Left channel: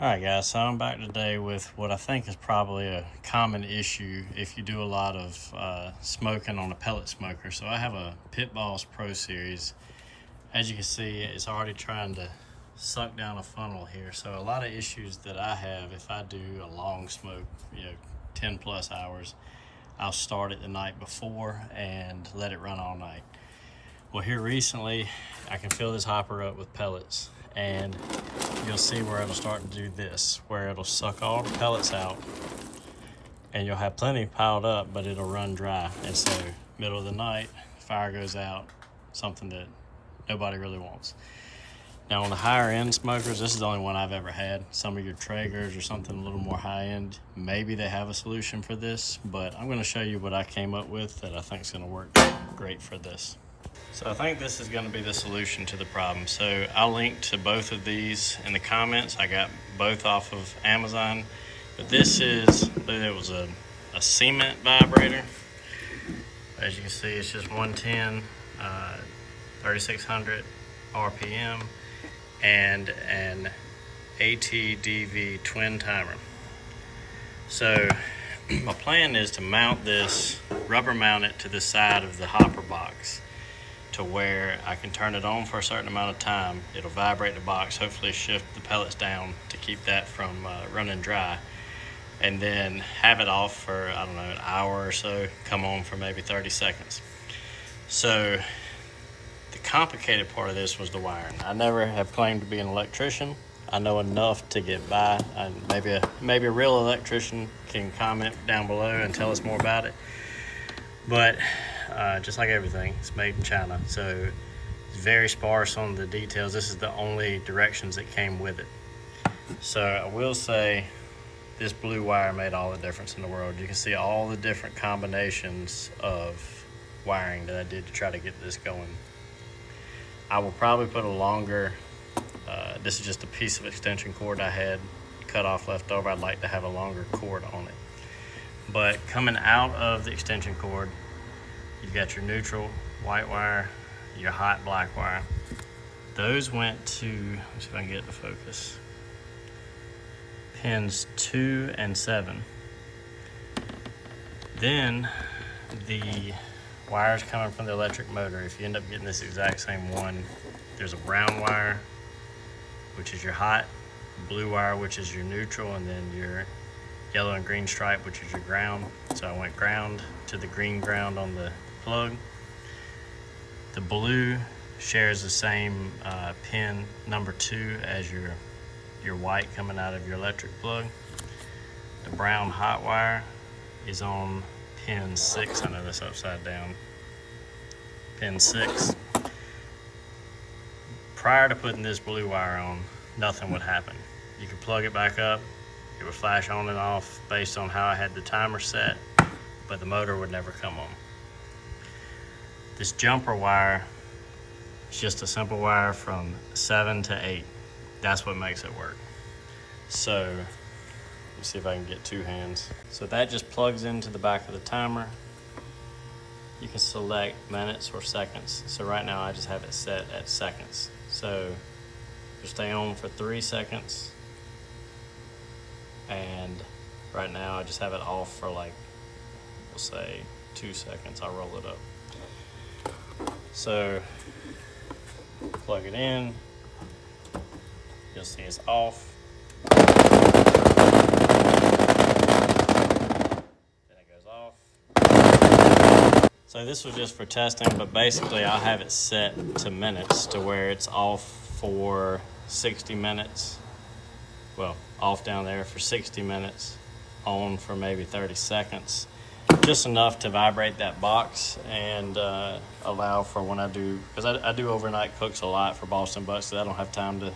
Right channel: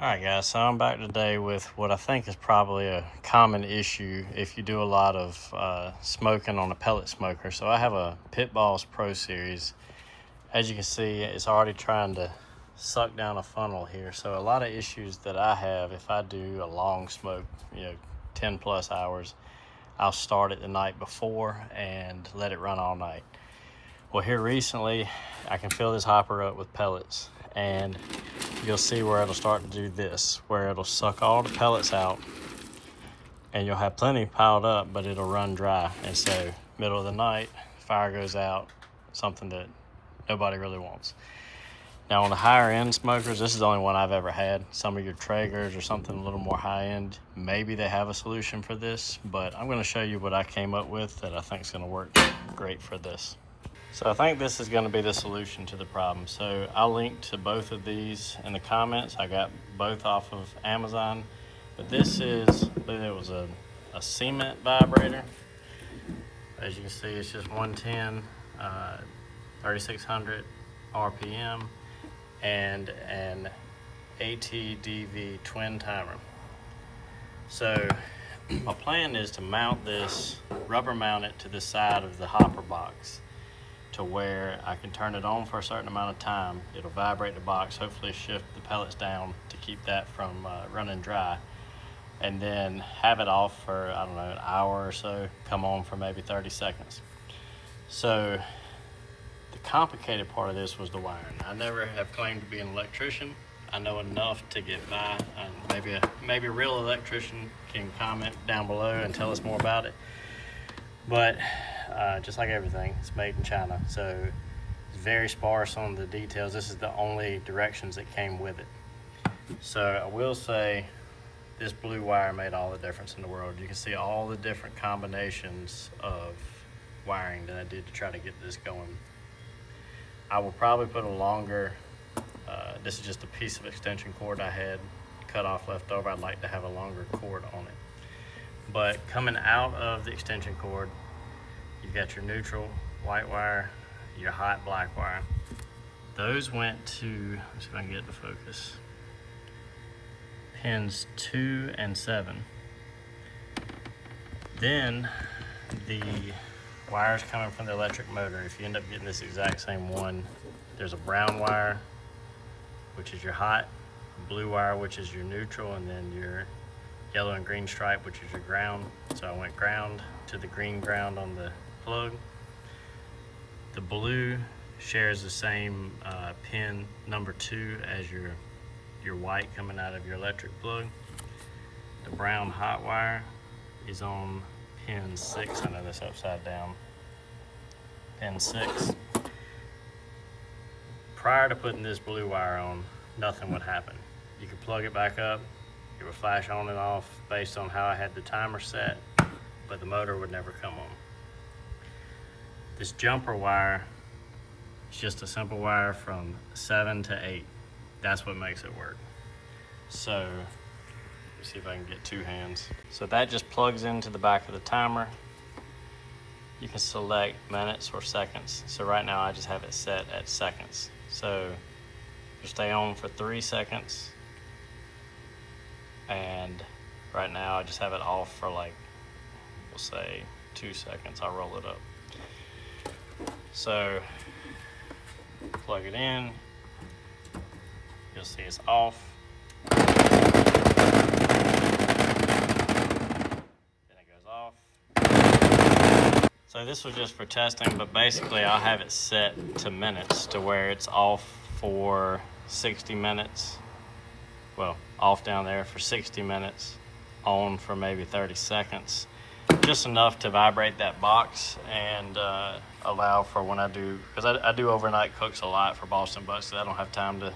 Alright guys, so I'm back today with what I think is probably a common issue if you do a lot of smoking on a pellet smoker. So I have a Pitboss Pro Series. As you can see, it's already trying to suck down a funnel here. So a lot of issues that I have if I do a long smoke, 10 plus hours, I'll start it the night before and let it run all night. Well, here recently, I can fill this hopper up with pellets, and you'll see where it'll start to do this, where it'll suck all the pellets out, and you'll have plenty piled up, but it'll run dry. And so, middle of the night, fire goes out, something that nobody really wants. Now, on the higher end smokers, this is the only one I've ever had. Some of your Traegers or something a little more high end, maybe they have a solution for this, but I'm gonna show you what I came up with that I think is gonna work great for this. So I think this is going to be the solution to the problem. So I'll link to both of these in the comments. I got both off of Amazon, but this is, it was a cement vibrator. As you can see, it's just 110, 3600 RPM, and an ATDV twin timer. So my plan is to mount this, rubber mount it to the side of the hopper box, to where I can turn it on for a certain amount of time. It'll vibrate the box, hopefully shift the pellets down to keep that from running dry, and then have it off for, I don't know, an hour or so, come on for maybe 30 seconds. So the complicated part of this was the wiring. I never have claimed to be an electrician. I know enough to get by. Maybe a real electrician can comment down below and tell us more about it. But just like everything, it's made in China, so it's very sparse on the details. This is the only directions that came with it. So I will say this blue wire made all the difference in the world. You can see all the different combinations of wiring that I did to try to get this going. I will probably put a longer, this is just a piece of extension cord I had cut off left over. I'd like to have a longer cord on it. But coming out of the extension cord, you've got your neutral white wire, your hot black wire. Those went to, let's see if I can get it to focus, pins 2 and 7. Then the wires coming from the electric motor, if you end up getting this exact same one, there's a brown wire, which is your hot, blue wire, which is your neutral, and then your yellow and green stripe, which is your ground. So I went ground to the green ground on the plug. The blue shares the same pin number 2 as your white coming out of your electric plug. The brown hot wire is on pin 6. I know that's upside down. Pin 6. Prior to putting this blue wire on, nothing would happen. You could plug it back up, it would flash on and off based on how I had the timer set, but the motor would never come on. This jumper wire is just a simple wire from 7 to 8. That's what makes it work. So, let's see if I can get 2 hands. So that just plugs into the back of the timer. You can select minutes or seconds. So right now I just have it set at seconds. So it'll stay on for 3 seconds. And right now I just have it off for, like, we'll say 2 seconds. I'll roll it up. So plug it in, you'll see it's off. Then it goes off. So this was just for testing, but basically I'll have it set to minutes, to where it's off for 60 minutes. Well, off down there for 60 minutes, on for maybe 30 seconds. Just enough to vibrate that box and allow for when I do, because I do overnight cooks a lot for Boston Butts, so I don't have time to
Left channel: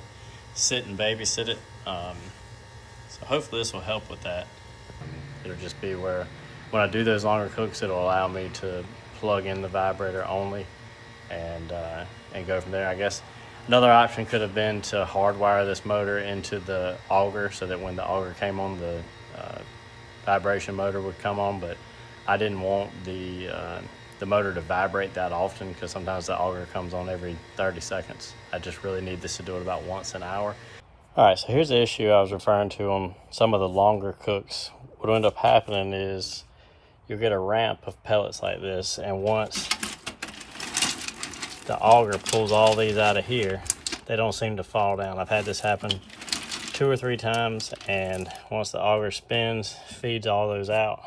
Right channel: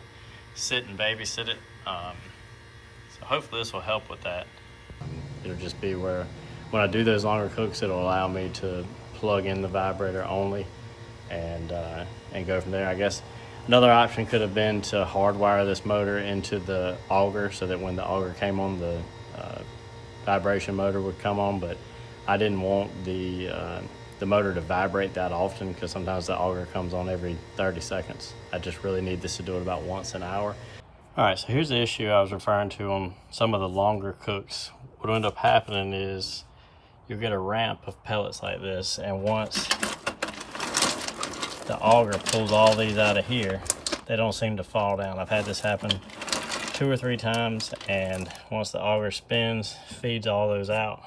sit and babysit it. So hopefully this will help with that. It'll just be where when I do those longer cooks, it'll allow me to plug in the vibrator only and go from there. I guess another option could have been to hardwire this motor into the auger so that when the auger came on, the vibration motor would come on, but I didn't want the motor to vibrate that often, because sometimes the auger comes on every 30 seconds. I just really need this to do it about once an hour. All right, so here's the issue I was referring to on some of the longer cooks. What will end up happening is you'll get a ramp of pellets like this, and once the auger pulls all these out of here, they don't seem to fall down. I've had this happen 2 or 3 times, and once the auger spins, feeds all those out,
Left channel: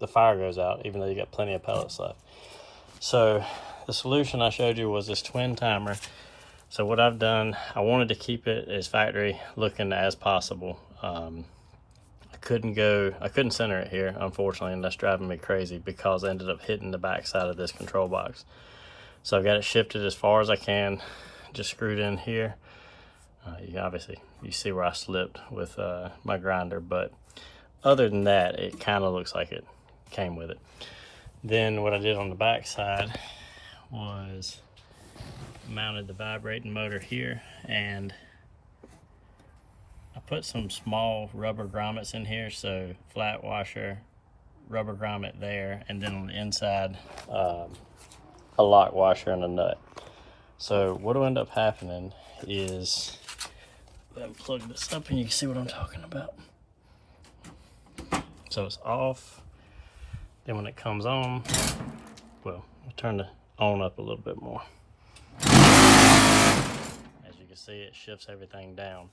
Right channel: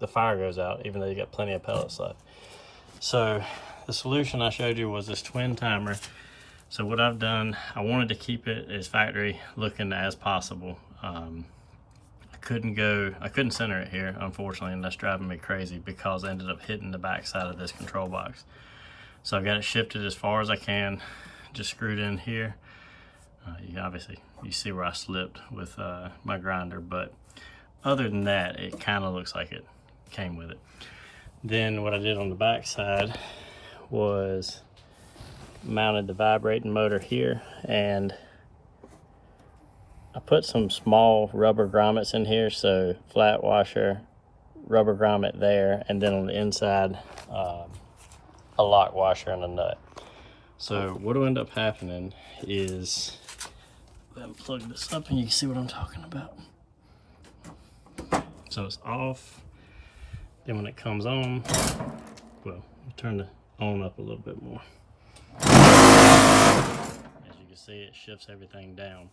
the fire goes out, even though you got plenty of pellets left. So the solution I showed you was this twin timer. So what I've done, I wanted to keep it as factory looking as possible. I couldn't center it here, unfortunately, and that's driving me crazy because I ended up hitting the back side of this control box. So I've got it shifted as far as I can, just screwed in here. Obviously, you see where I slipped with my grinder, but other than that, it kind of looks like it came with it. Then what I did on the back side was mounted the vibrating motor here, and I put some small rubber grommets in here, so flat washer, rubber grommet there, and then on the inside a lock washer and a nut. So what will end up happening is, let me plug this up and you can see what I'm talking about. So it's off, then when it comes on, well, I'll turn the on up a little bit more. As you can see, it shifts everything down.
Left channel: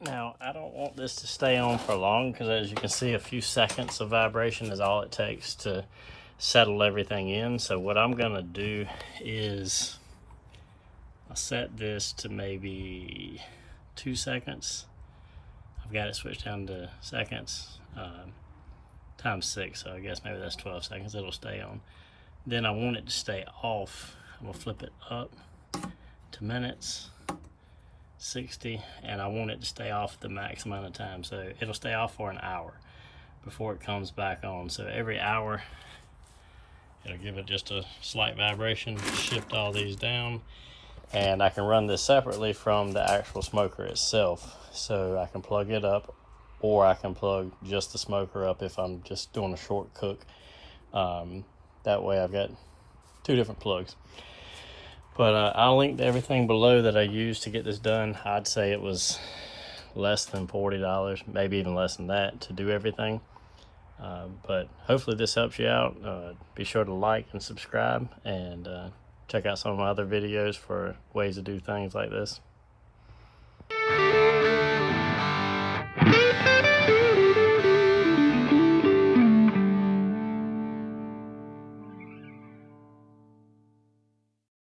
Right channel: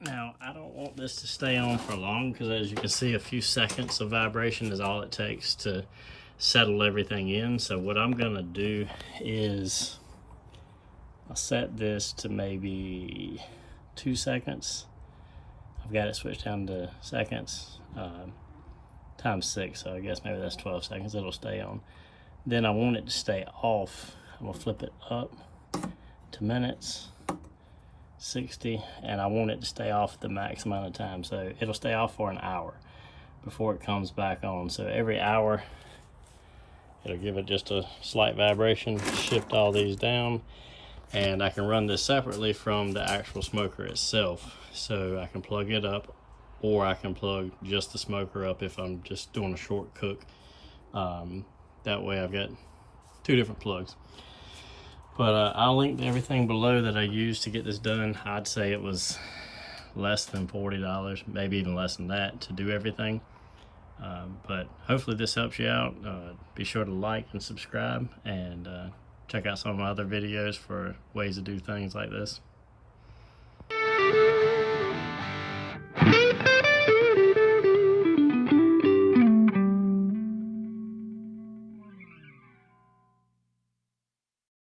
Now, I don't want this to stay on for long because, as you can see, a few seconds of vibration is all it takes to settle everything in. So what I'm gonna do is I'll set this to maybe 2 seconds. I've got it switched down to seconds, times 6, so I guess maybe that's 12 seconds. It'll stay on. Then I want it to stay off. I'm gonna flip it up to minutes, 60, and I want it to stay off the max amount of time. So it'll stay off for an hour before it comes back on. So every hour, it'll give it just a slight vibration, shift all these down, and I can run this separately from the actual smoker itself. So I can plug it up, or I can plug just the smoker up if I'm just doing a short cook. That way I've got 2 different plugs. But I'll link to everything below that I used to get this done. I'd say it was less than $40, maybe even less than that, to do everything. But hopefully this helps you out. Be sure to like and subscribe, and check out some of my other videos for ways to do things like this.